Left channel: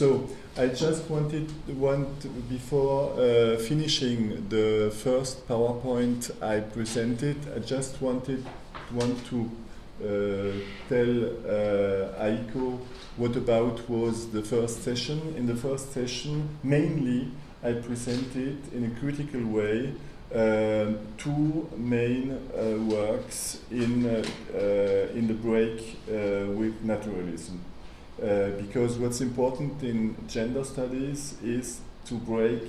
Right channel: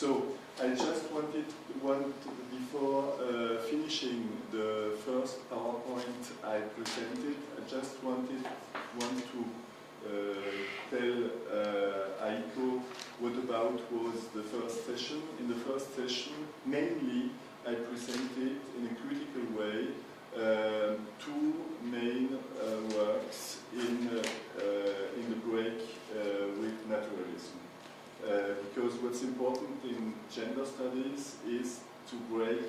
So I just before finishing the first PowerPoint I presented, I just want to tell Aiko what about was the first session. In the first session, mainly I presented in a critical way two main works in the break with naturalism. Because what's important in gender studies is to break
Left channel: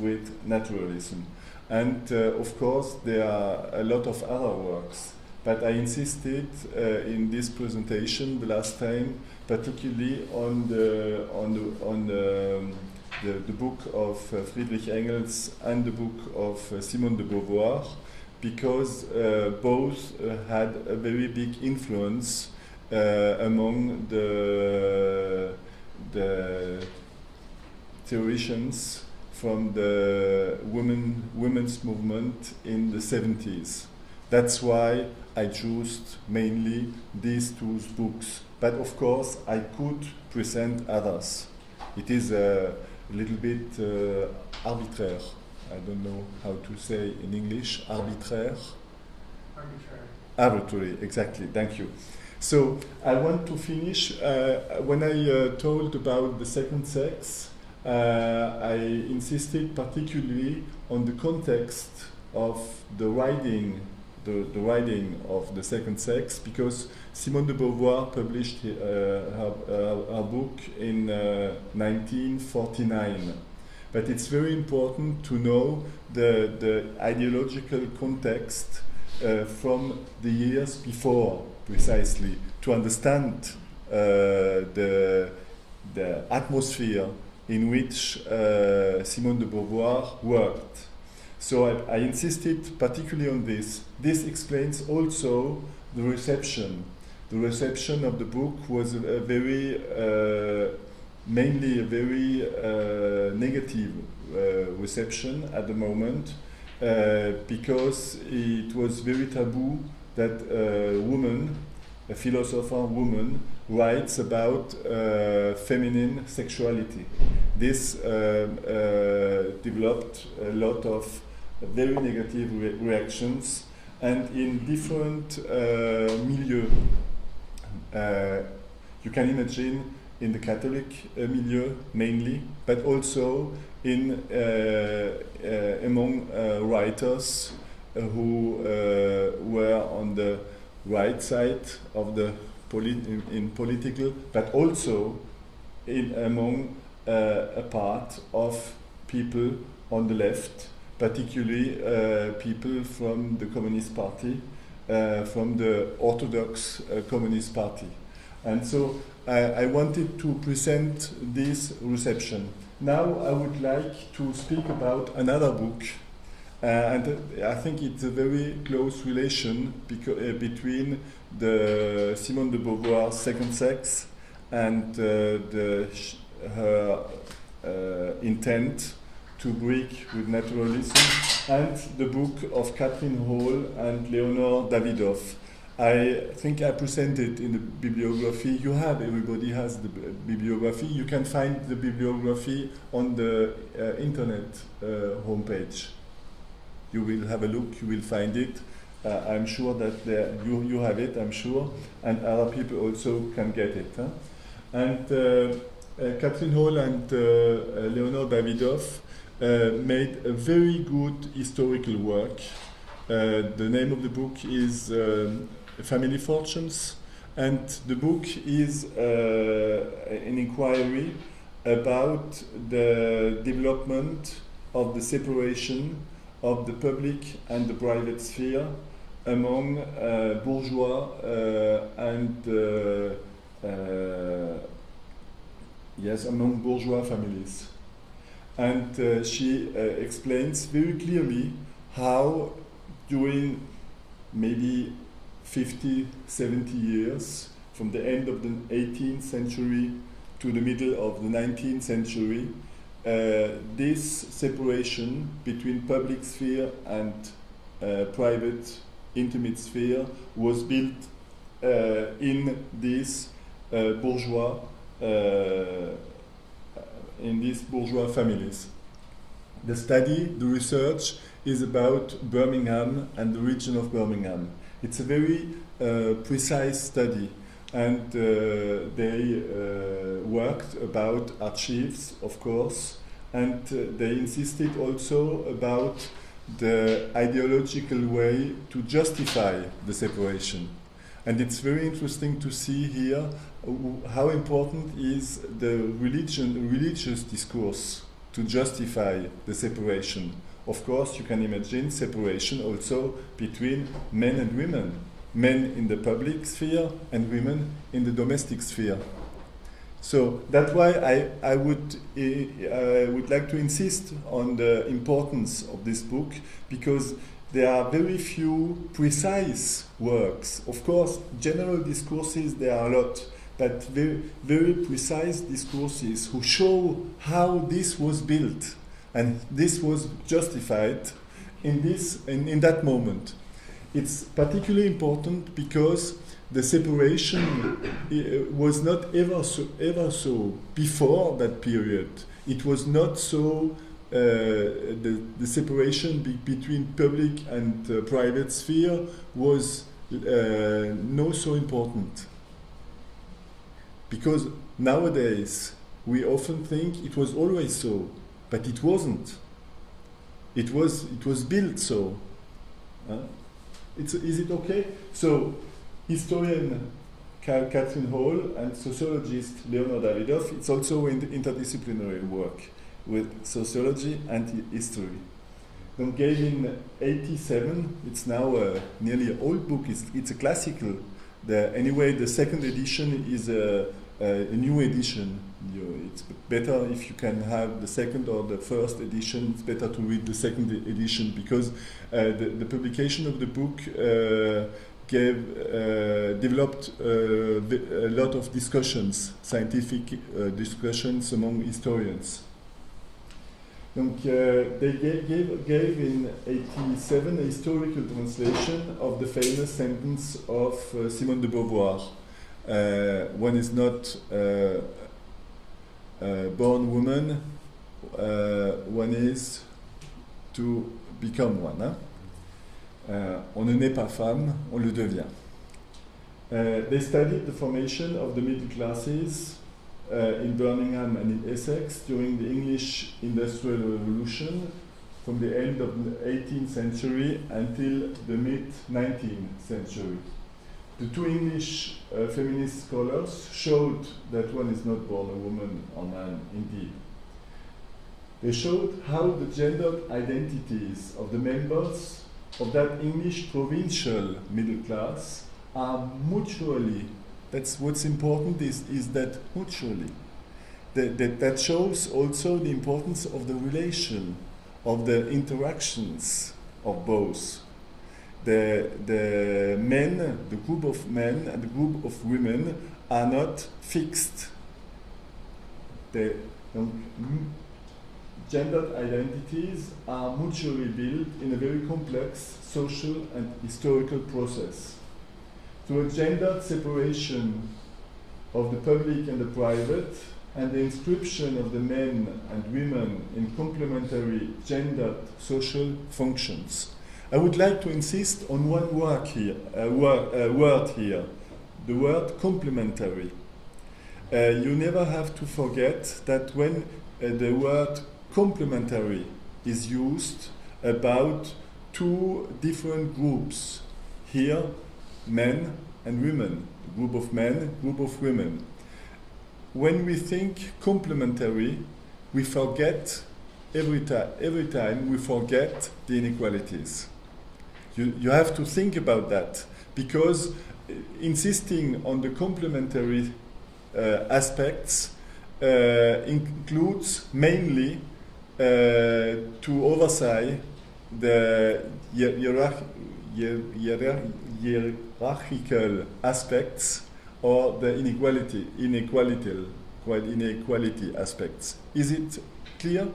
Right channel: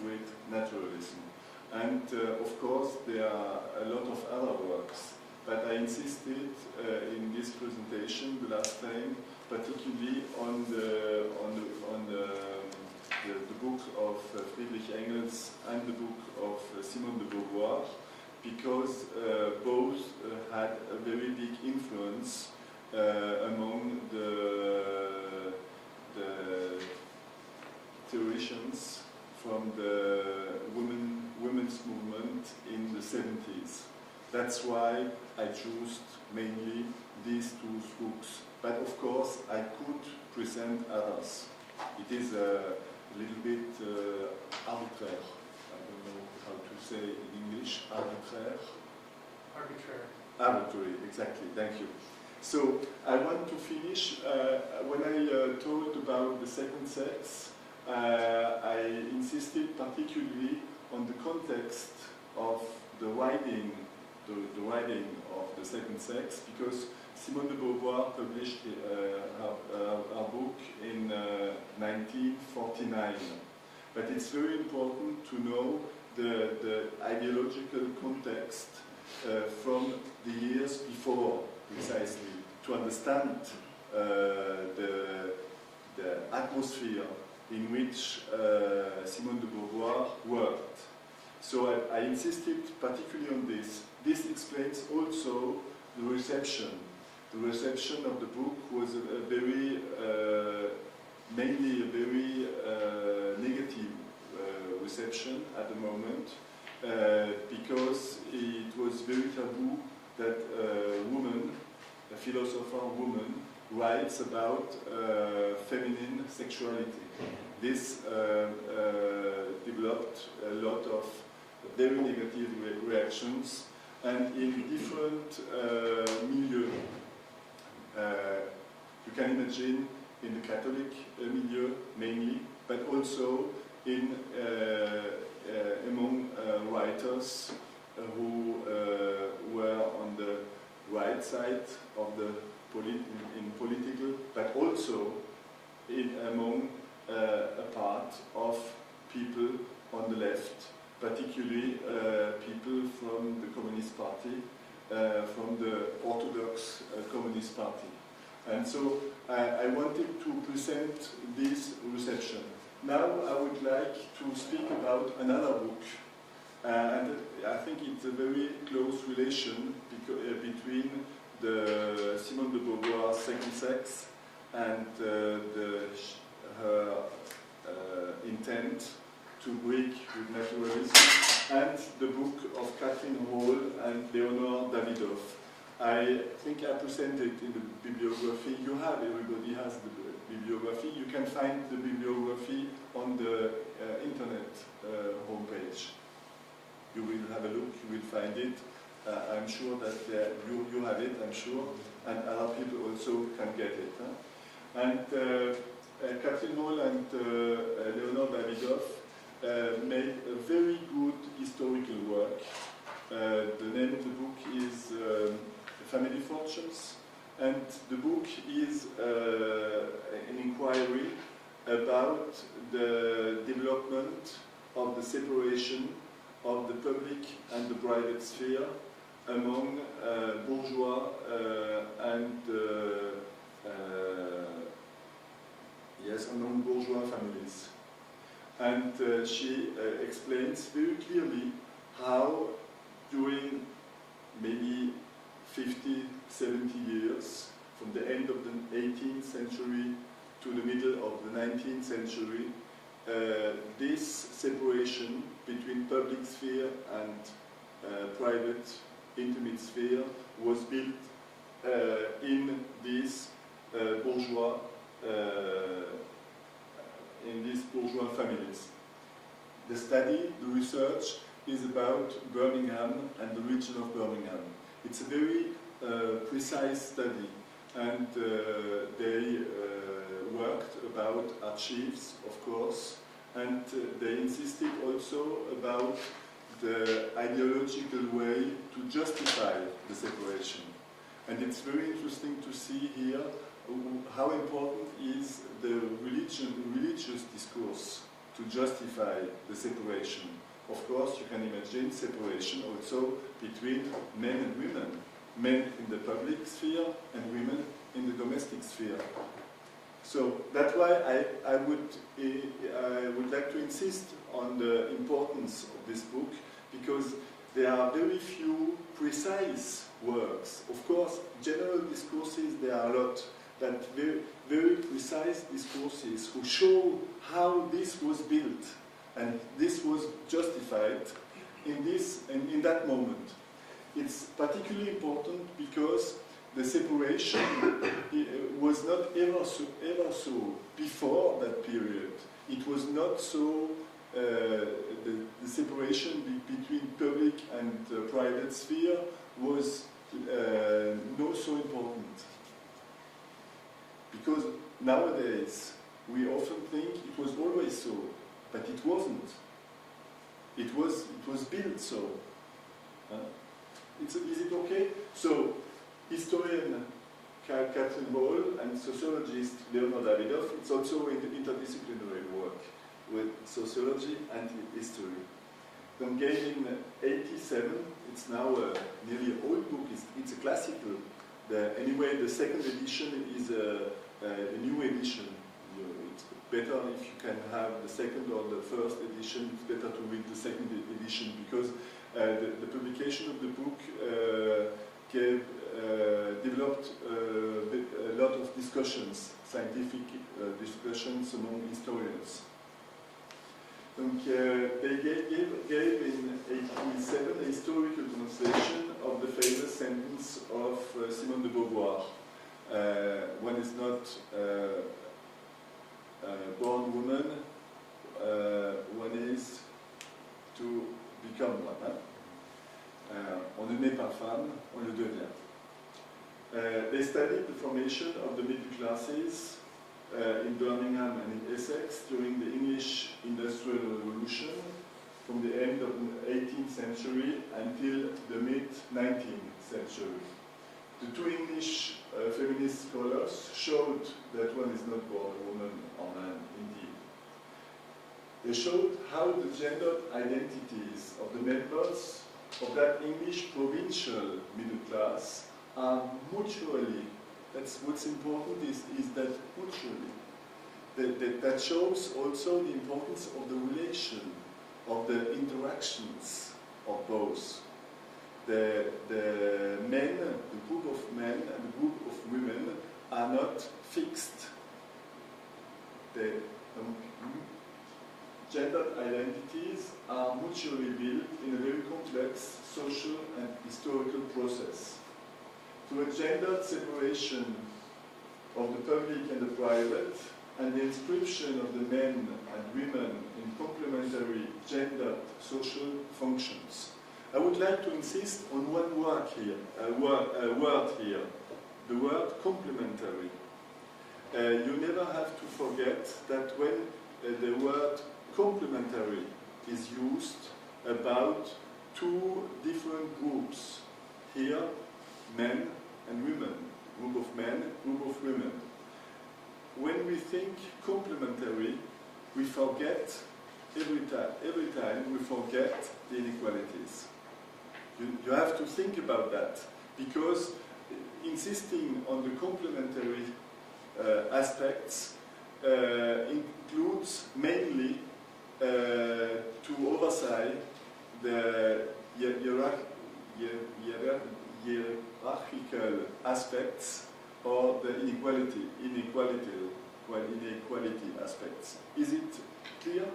with naturalism. And of course there are a lot of other works, but I insisted in this presentation the last time particularly on the book of Friedrich Engels and the book of Simone de Beauvoir, because both had a very big influence among the theologians from the women's movement in the 70s. That's why I chose mainly these two books. But of course, I could present others. It is a little bit arbitraire. I don't know how to say in English. Arbitraire? Arbitrary, exactly. Thank you. So I want to finish. When I told about the second sex, I insisted particularly on the context of the writing of the second sex, because Simone de Beauvoir published her book in 1949. But it's very important to know the ideological context from the years before, precisely, to understand the atmosphere in which Simone de Beauvoir worked. So I insisted particularly on this. This explains also the reception. The reception of the book was a very, mainly a very negative reception at the moment, because it was very taboo that a woman, a philosopher woman, writes about feminine sexuality. This developed a lot of very negative reactions, and in different milieux. You can imagine in the Catholic milieu mainly, but also in among writers who were on the right side of the in political, but also among a part of people on the left, particularly people from the Communist Party, from the Orthodox Communist Party. And so I wanted to present this reception. Now I would like to speak about another book, and I think it's a very close relation between the Simone de Beauvoir's Second Sex and her intent to break with naturalism, and the book of Catherine Hall and Leonore Davidoff. I think I presented in the bibliography. Everybody has the bibliography. You can find the bibliography on the internet homepage. You will have a look, you will find it. I'm sure that you have it, I'm sure, and other people also can get it. Huh? And Catherine Hall and Leonore Davidoff made a very good historical work. The name of the book is Family Fortunes, and the book is an inquiry about the development of the separation of the public and the private sphere among bourgeois and among bourgeois families. And she explains very clearly how during maybe 50, 70 years, from the end of the 18th century to the middle of the 19th century, this separation between public sphere and private intimate sphere was built in this bourgeois in these bourgeois families. The study, the research, is about Birmingham and the region of Birmingham. It's a very precise study, and they worked about archives, of course, and they insisted also about the ideological way to justify the separation. And it's very interesting to see here how important is the religious discourse to justify the separation. Of course, you can imagine separation also between men and women, men in the public sphere and women in the domestic sphere. So that's why I would like to insist on the importance of this book, because there are very few precise works. Of course, general discourses, there are a lot, but very, very precise discourses who show how this was built and this was justified in that moment. It's particularly important because the separation was not ever so before that period. It was not so. The separation between public and private sphere was not so important. Because nowadays we often think it was always so, but it wasn't. It was built so. Is it okay? So, historian Catherine Hall and sociologist Leonard Davidoff, it's also in the interdisciplinary work with sociology and history. Donc gave in 87, it's now nearly an old book, it's a classical. Anyway, the second edition is a new edition. It's better if you can have the second or the first edition. It's better to read the second edition because the publication of the book developed a lot of discussions, scientific discussions among historians. Donc, they gave in 87 a historical translation of the famous sentence of Simone de Beauvoir. One is not born woman, one is to become one. Hein? On ne naît pas femme, on le devient. They studied the formation of the middle classes in Birmingham and in Essex during the English Industrial Revolution from the end of the 18th century until the mid-19th century. The two English feminist scholars showed that one is not born a woman or man, indeed. They showed how the gendered identities of the members of that English provincial middle class are mutually. That's what's important is that mutually. That shows also the importance of the relation, of the interactions of both. The men, the group of men and the group of women are not fixed. The gendered identities are mutually built in a very complex social and historical process. To a gendered separation of the public and the private, and the inscription of the men and women in complementary gendered social functions. I would like to insist on one word here, the word complementary. You never have to forget that when the word complementary is used about two different groups, here men and women, group of men, group of women. When we think complementary, we forget every time we forget the inequalities. You have to think about that, because insisting on the complementary aspects includes mainly to oversight the hierarchical aspects or the inequality aspects. Is it clear?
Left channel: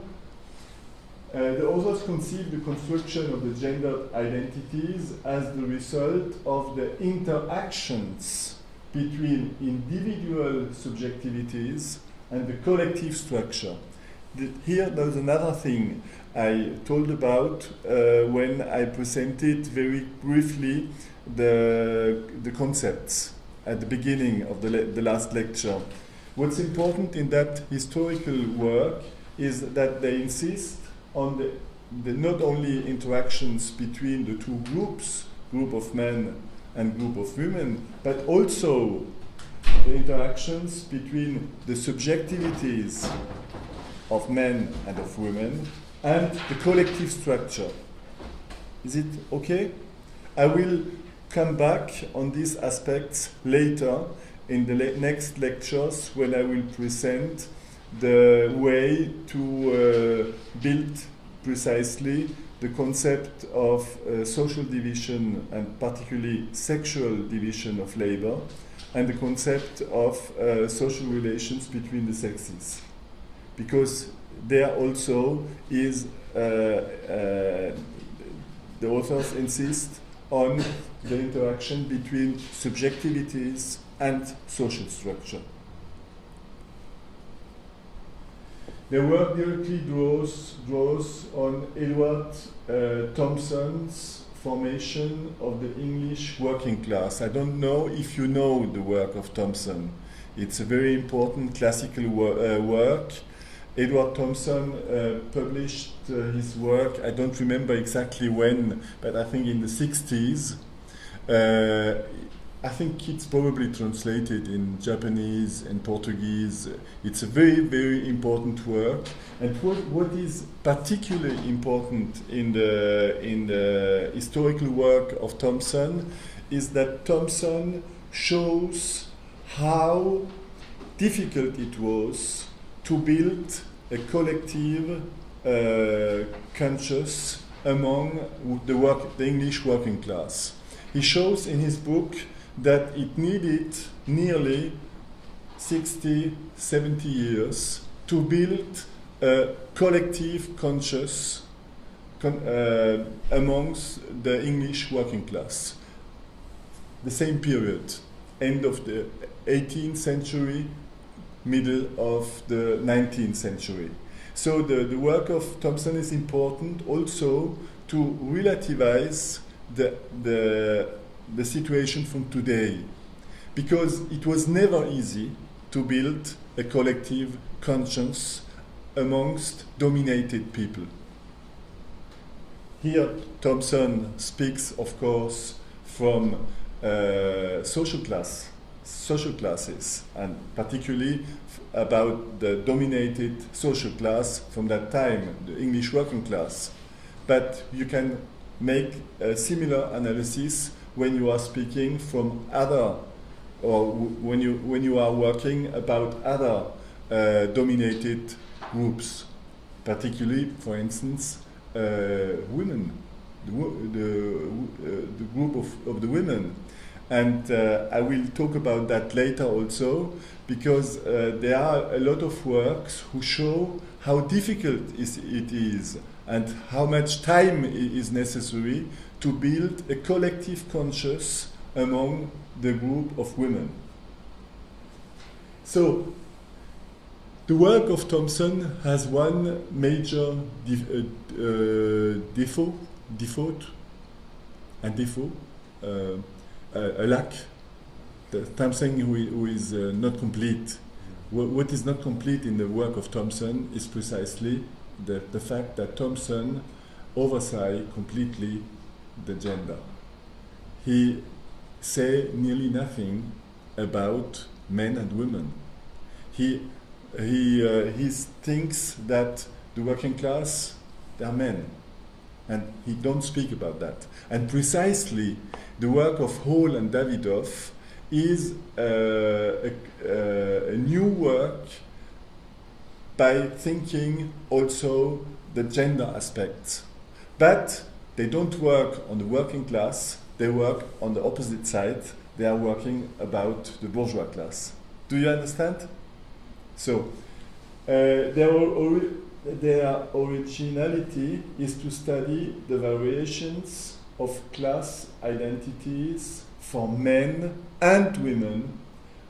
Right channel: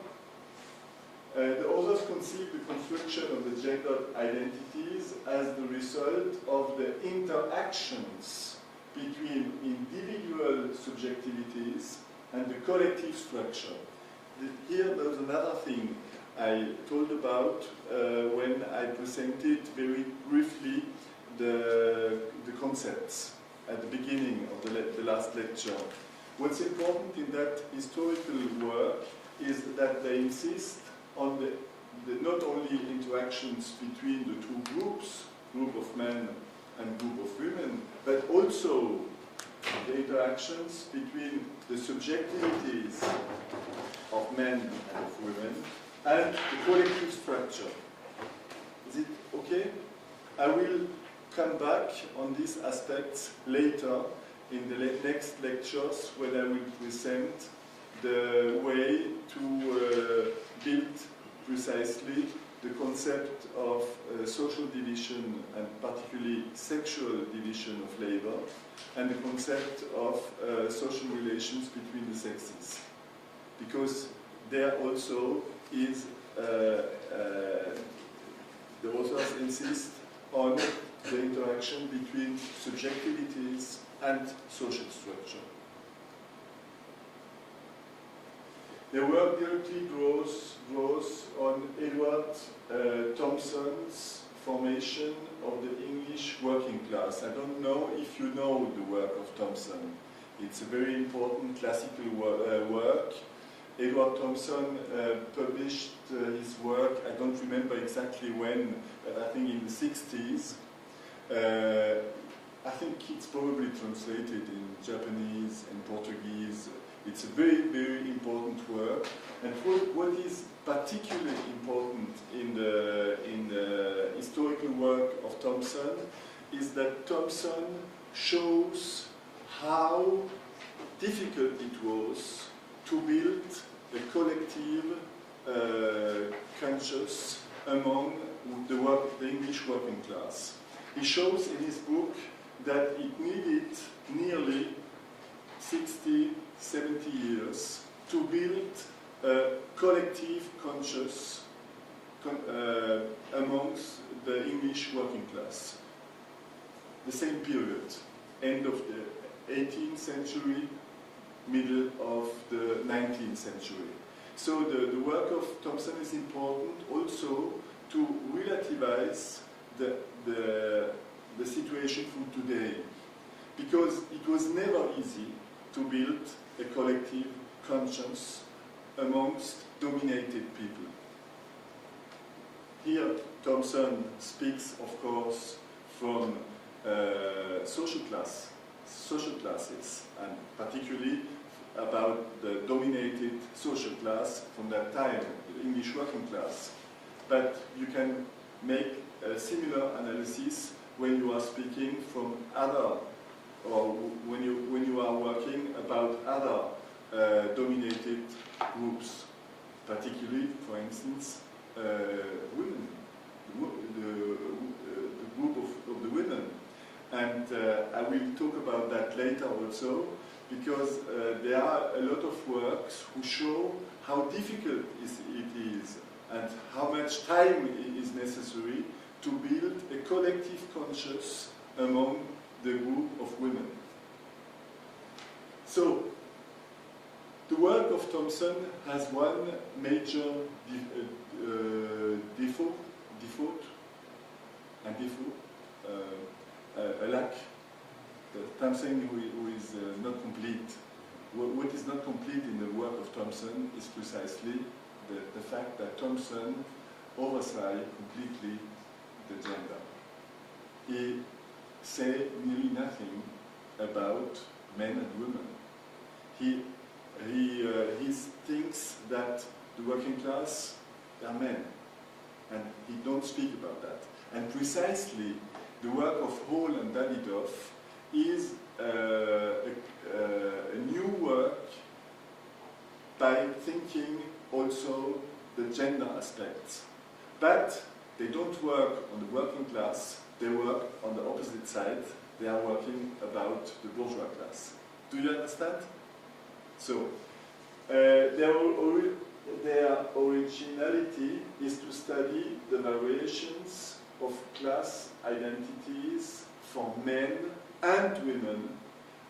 The authors conceive the construction of the gendered identities as the result of the interactions between individual subjectivities and the collective structure. here there's another thing I told about when I presented very briefly the concepts at the beginning of the last lecture. What's important in that historical work is that they insist on the not only interactions between the two groups, group of men and group of women, but also the interactions between the subjectivities of men and of women and the collective structure. Is it okay? I will come back on these aspects later in the next lectures when I will present the way to build precisely the concept of social division and particularly sexual division of labor and the concept of social relations between the sexes. Because there also is, the authors insist on the interaction between subjectivities and social structure. The work directly draws on Edward Thompson's formation of the English working class. I don't know if you know the work of Thompson. It's a very important classical work. Edward Thompson published his work, I don't remember exactly when, but I think in the 60s. I think it's probably translated in Japanese and Portuguese. It's a very, very important work. And what is particularly important in the historical work of Thompson is that Thompson shows how difficult it was to build a collective conscience among the English working class. He shows in his book that it needed nearly 60, 70 years to build a collective conscience amongst the English working class. The same period, end of the 18th century, middle of the 19th century. So the work of Thompson is important also to relativize the situation from today, because it was never easy to build a collective conscience amongst dominated people. Here Thompson speaks, of course, from social classes, and particularly about the dominated social class from that time, the English working class. But you can make a similar analysis when you are speaking from other, or when you are working about other dominated groups, particularly, for instance, women, the group of the women. And I will talk about that later also, because there are a lot of works who show how difficult it is and how much time is necessary to build a collective conscience among the group of women. So, the work of Thompson has one major a lack. Something who is not complete. What is not complete in the work of Thompson is precisely the fact that Thompson oversaw completely the gender. He say nearly nothing about men and women. He thinks that the working class, they are men, and he don't speak about that. And precisely the work of Hall and Davidoff is a new work by thinking also the gender aspects. But they don't work on the working class, they work on the opposite side. They are working about the bourgeois class. Do you understand? So, their originality is to study the variations of class identities for men and women,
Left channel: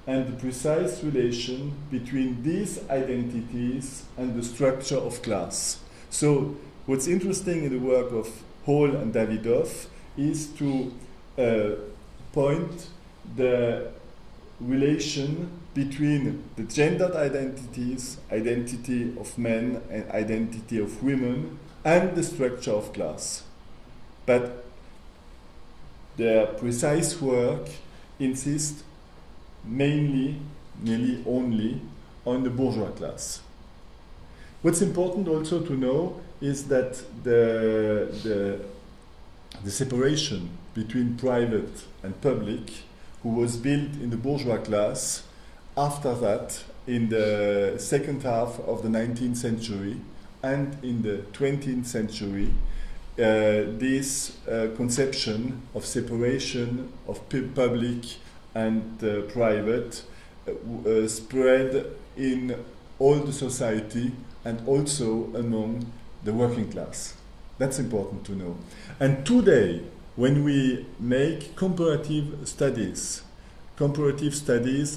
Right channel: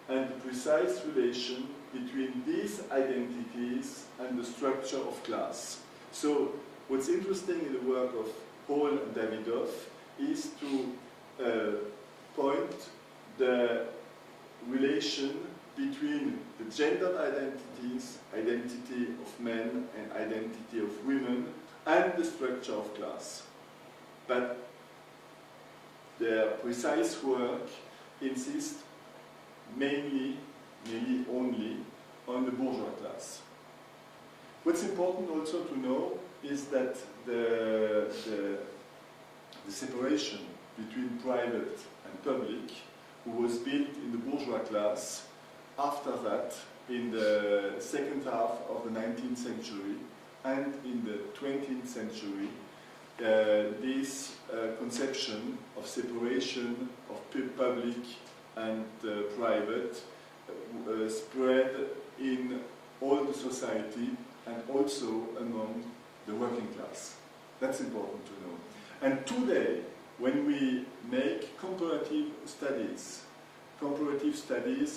and the precise relation between these identities and the structure of class. So what's interesting in the work of Hall and Davidoff is to point the relation between the gendered identities, identity of men and identity of women, and the structure of class. But their precise work insists mainly, nearly only, on the bourgeois class. What's important also to know is that the separation between private and public, who was built in the bourgeois class, after that, in the second half of the 19th century and in the 20th century, this conception of separation of public and private spread in all the society and also among the working class. That's important to know. And today, when we make comparative studies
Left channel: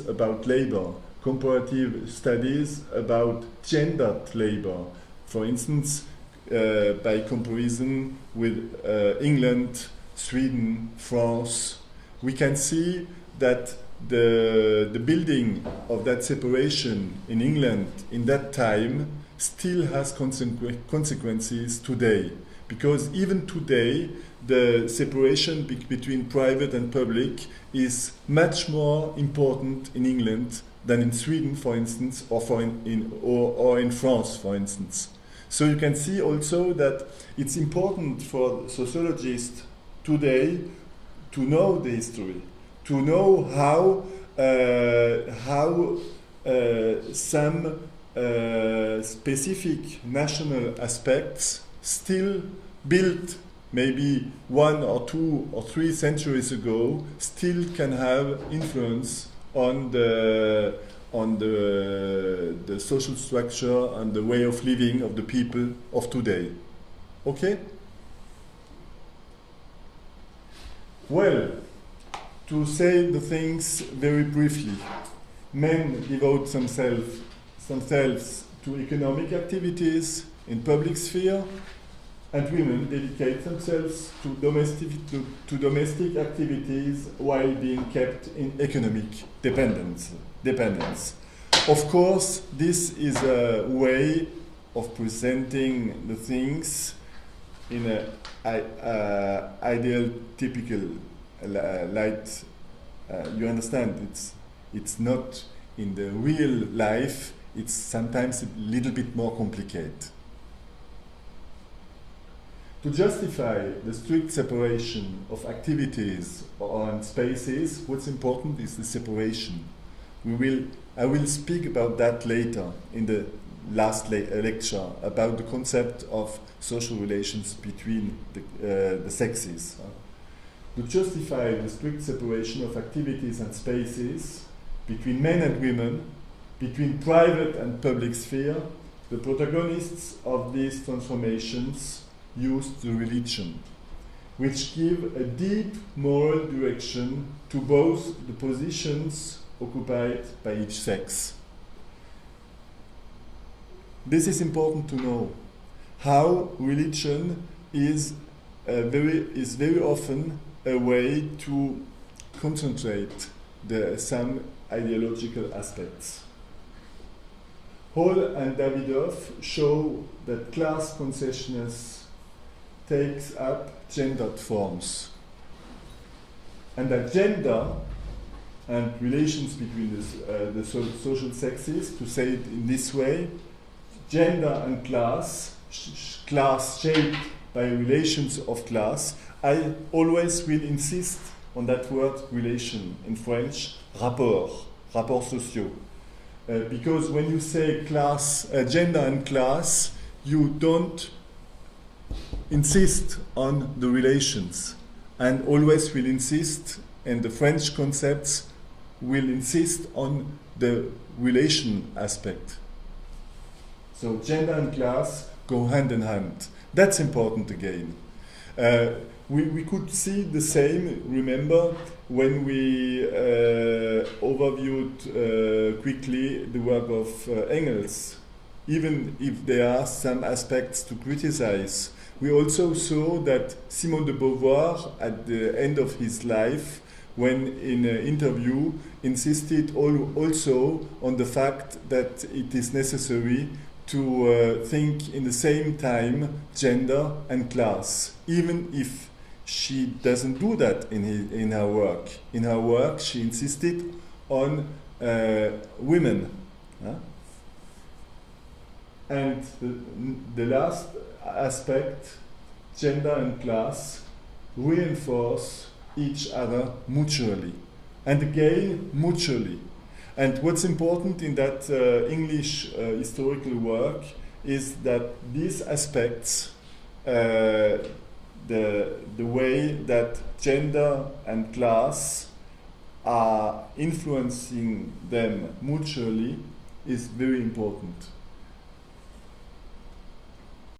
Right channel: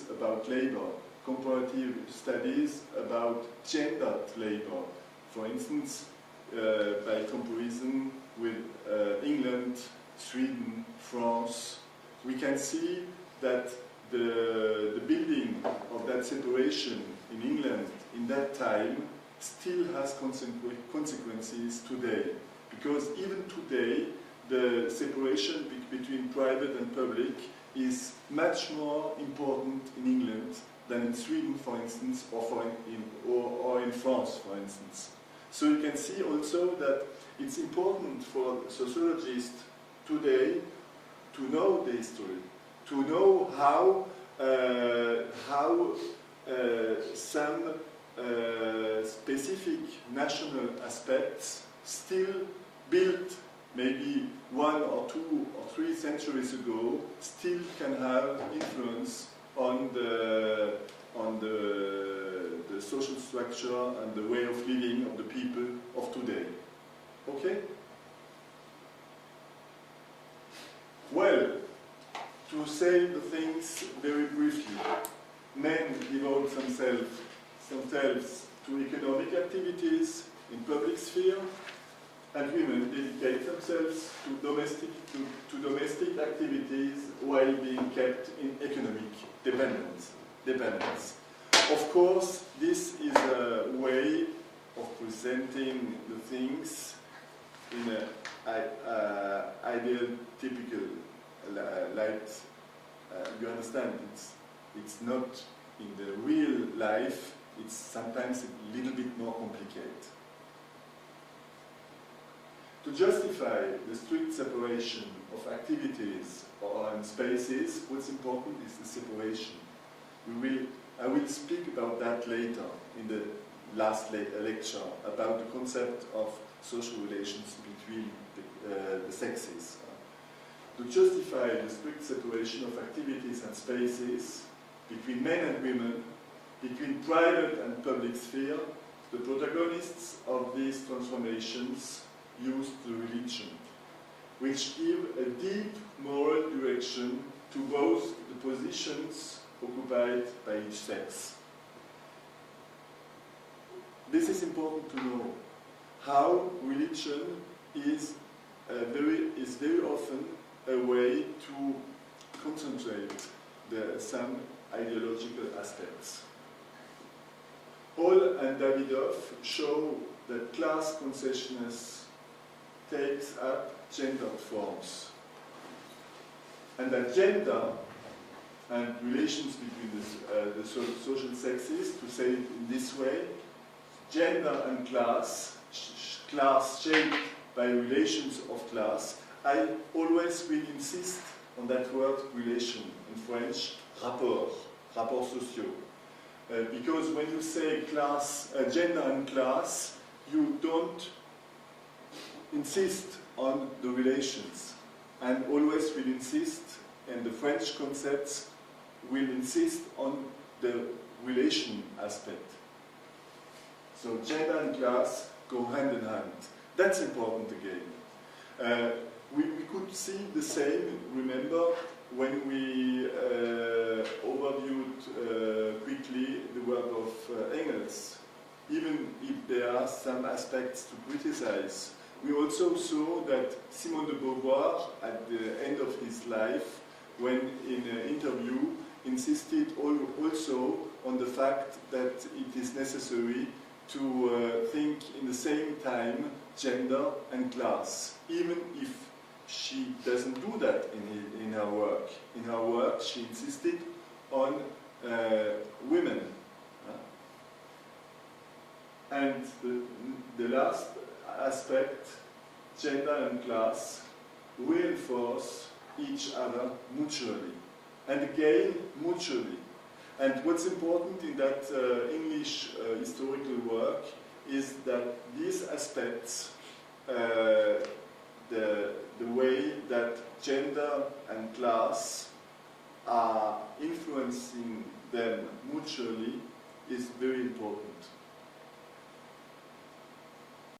about labor, comparative studies about gendered labor, for instance, by comparison with England, Sweden, France, we can see that the building of that separation in England in that time still has consequences today. Because even today, the separation between private and public is much more important in England than in Sweden, for instance, or in France, for instance. So you can see also that it's important for sociologists today to know the history, to know how some specific national aspects still built maybe 1 or 2 or 3 centuries ago still can have influence on the social structure and the way of living of the people of today. Okay? Well, to say the things very briefly, men devote themselves to economic activities in public sphere, and women dedicate themselves to domestic activities while being kept in economic dependence. Of course, this is a way of presenting the things in an ideal, typical light. You understand, it's not in the real life, it's sometimes a little bit more complicated. To justify the strict separation of activities and spaces, what's important is the separation. I will speak about that later in the last lecture, about the concept of social relations between the sexes. To justify the strict separation of activities and spaces between men and women, between private and public sphere, the protagonists of these transformations used the religion, which give a deep moral direction to both the positions occupied by each sex. This is important to know, how religion is very often a way to concentrate some ideological aspects. Hall and Davidoff show that class consciousness takes up gendered forms, and that gender and relations between the social sexes, to say it in this way, gender and class, class shaped by relations of class. I always will insist on that word relation, in French, rapports sociaux. Because when you say class, gender and class, you don't insist on the relations, and always will insist, and the French concepts will insist on the relation aspect. So gender and class go hand in hand. That's important again. We could see the same, remember, when we overviewed quickly the work of Engels. Even if there are some aspects to criticize, we also saw that Simone de Beauvoir, at the end of his life, when in an interview, insisted also on the fact that it is necessary to think in the same time gender and class, even if she doesn't do that in her work. In her work, she insisted on women. And the last aspect, gender and class, reinforce each other mutually. And again, mutually. And what's important in that English historical work is that these aspects, the way that gender and class are influencing them mutually, is very important.